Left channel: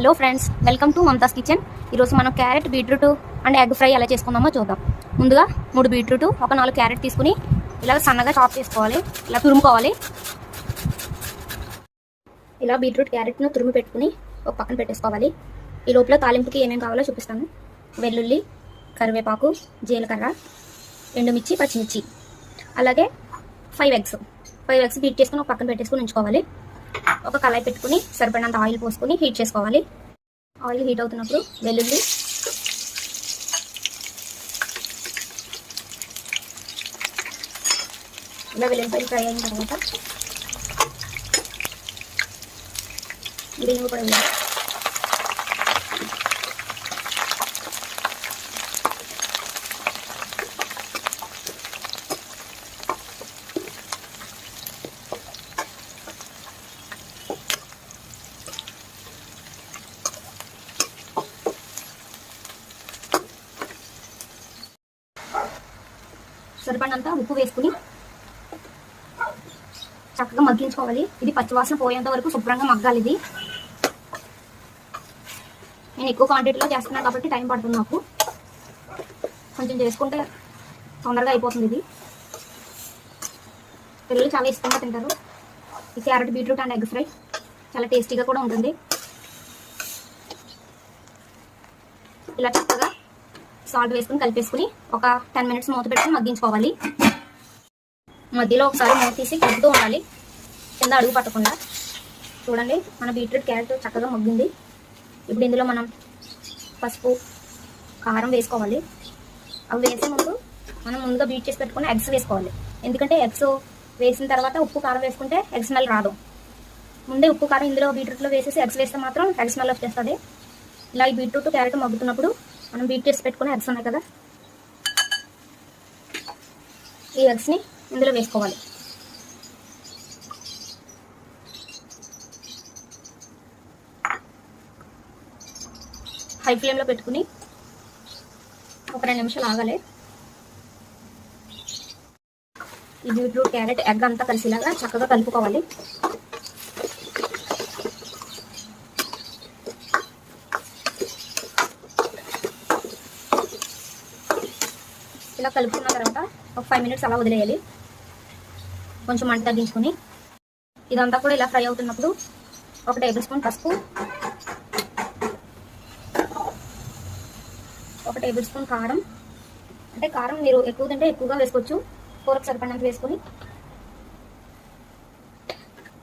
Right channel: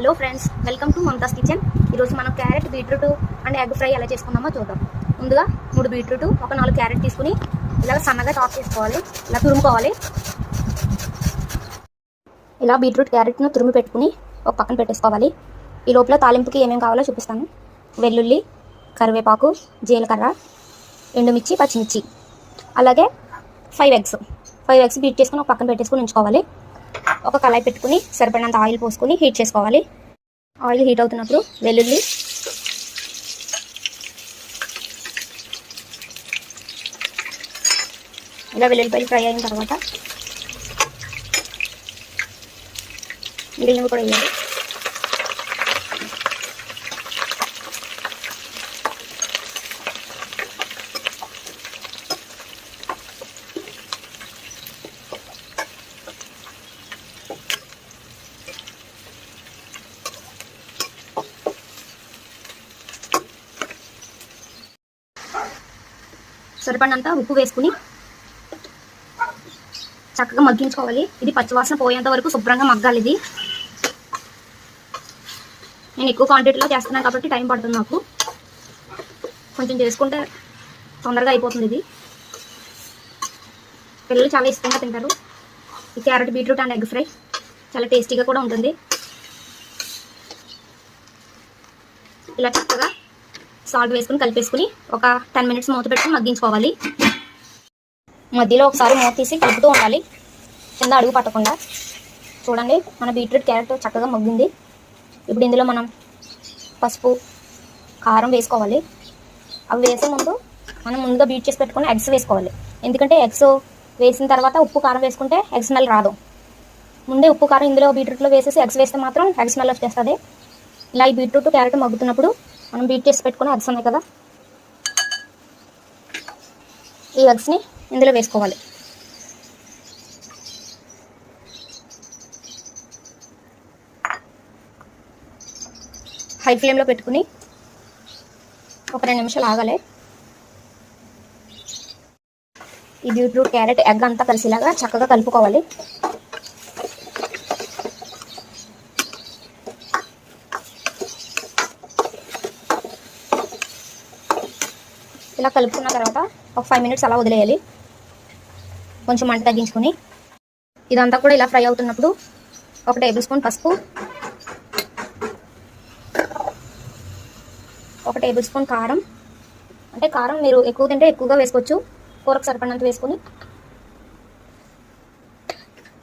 Hello friends welcome to Mamata's kitchen. ఈరోజు మనం carrot beetroot and egg fry ఎలా చేసుకుందామో చూద్దాం. ముందుగా మూడు బీట్రూట్ ఒక నాలుగు క్యారెట్ తీసుకుని ఇలా సన్నగా చాప్ చేసుకోవాలి. ఇలా తురుముకోవాలి. ఇలా బీట్రూట్ క్యారెట్ను తురుము పెట్టుకుని ఒక పక్కన పెట్టేసుకోవాలి. ఈ లోపల తాలింపుకి ఏమేమి కావాలో చూపిస్తాను. వెల్లుల్లి కరివేపాకు జీలకర్ర ఎండుమిర్చి పచ్చిమిర్చి. అలాగే five eggs five eggs beat చేసుకుని ఒక పక్కన పెట్టేసుకుని ఉంచుకోవాలి. ఒక కళాయి పెట్టుకుని సరిపడినంత ఆయిల్ పోసుకొని హీట్ చేసుకోవాలి. ఆయిల్ హీట్ అవుతున్నప్పుడు వెల్లుల్లి ఇలా వెల్లుల్లిపాయలు ఫ్రై అయిన తర్వాత మిగిలినవి కూడా వేయాలి. సరిపడినంత ఉప్పు వేసుకుని చక్కగా మగ్గించుకోవాలి. ఇది పచ్చివాసన పోయేంత వరకు శుభ్రంగా మగ్గాలి ఇది. నేను ఎక్కువ క్వాంటిటీలో చేస్తున్నాను కాబట్టి టైం పడుతుంది నాకు. కొంచెం చేసుకుంటే తొందరగా అయిపోతుంది ఇది. పిల్లలు చాలా ఇష్టంగా తింటారు. ఈ carrot beetroot and egg fry చాలా టేస్టీగా కూడా ఉంటుంది. ఇలా చక్కగా సాల్ట్ వేసుకుని కలిపేసుకుని ఒక టెన్ మినిట్స్ మూత పెట్టుకుని మగ్గించుకోవాలి. మధ్యలో ఒకసారి మూత తీసి కలుపుతూ ఉండాలి. కింద అడుగు పట్టకుండా. చూడండి మన బీట్రూట్ క్యారెట్ చక్కగా మగ్గింది. ఇప్పుడు ఇందులో మనం పసుపు కారం వేసుకోవాలి. అవి వేసే ముందు మనం ముందుగా బీట్ చేసి పెట్టుకుని ఎగ్స్ వేసుకోవాలి. ఎందుకంటే ఎగ్స్ వేసిన తర్వాత ఉప్పు కారం వేసుకుంటే ఎగ్ స్మెల్ రాదు. ముందే ఉప్పు కారం ఇందులో బీట్రూట్లో వేసేసి ఎగ్స్ వేస్తే మాత్రం ఎగ్ స్మెల్ వచ్చేస్తుంది. ఇలా ఈ బీట్రూట్ క్యారెట్ మగ్గుతున్నప్పుడు మనం బీట్ చేసి పెట్టుకుని ఎగ్స్ ఉన్నాయి కదా? ఈ ఎగ్స్ని ఇందులో వేసుకోవాలి. హై ఫ్లేమ్లో పెట్టుకుని ఒక రెండు నిమిషాలు ఆగాలి. ఈ బీట్రూట్ క్యారెట్ ఎగ్ అంతా కలిసేలాగా చక్కగా కలుపుకోవాలి. ఇలా కలుపుకున్న తర్వాత ఒక ఫైవ్ మినిట్స్ అలా వదిలేయాలి. కొంచెం మంట తగ్గించుకొని. ఇదంతా కూడా ఇలా ఫ్రై అవుతున్నప్పుడు ఒక టేబుల్ స్పూన్ పసుపు ఒక టేబుల్ స్పూన్ కారం. అంటే కారం మీరు ఎక్కువ తింటే ఎక్కువగా వేసుకోవచ్చు. కూరకు సరిపడినంత వేసుకొని.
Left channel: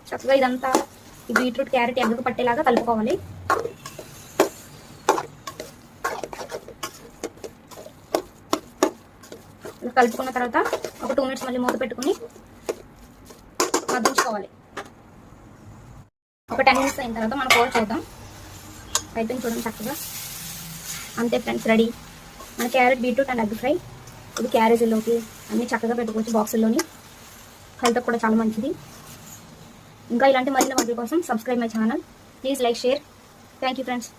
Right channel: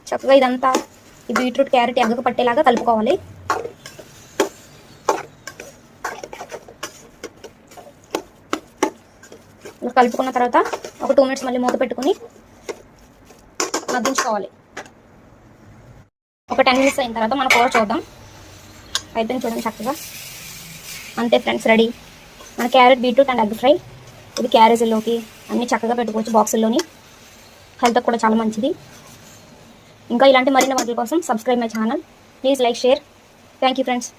చక్కగా ఇదంతా ఈ బీట్రూట్ క్యారెట్ ఎగ్గకు పట్టేలాగా కలుపుకోవాలి. కలుపుకున్న తర్వాత ఒక టూ మినిట్స్ మళ్ళీ మూత పెట్టుకుని మగ్గించుకోవాలి. ఒక టెన్ మినిట్స్ అయిన తర్వాత మన కూర చూద్దాం. అయిపోయింది చూడండి చక్కగా. అంతే ఫ్రెండ్స్ రెడీ మన carrot beetroot and egg fry. ఇది క్యారేజీలోకి అన్ని చక్కగా పెట్టుకోవచ్చు బాక్సుల్లోని హెల్త్ కూడా చాలా మంచిది. ఇంకా ఇలాంటి మరిన్ని వంటల కోసం subscribe my channel please like share thank you friends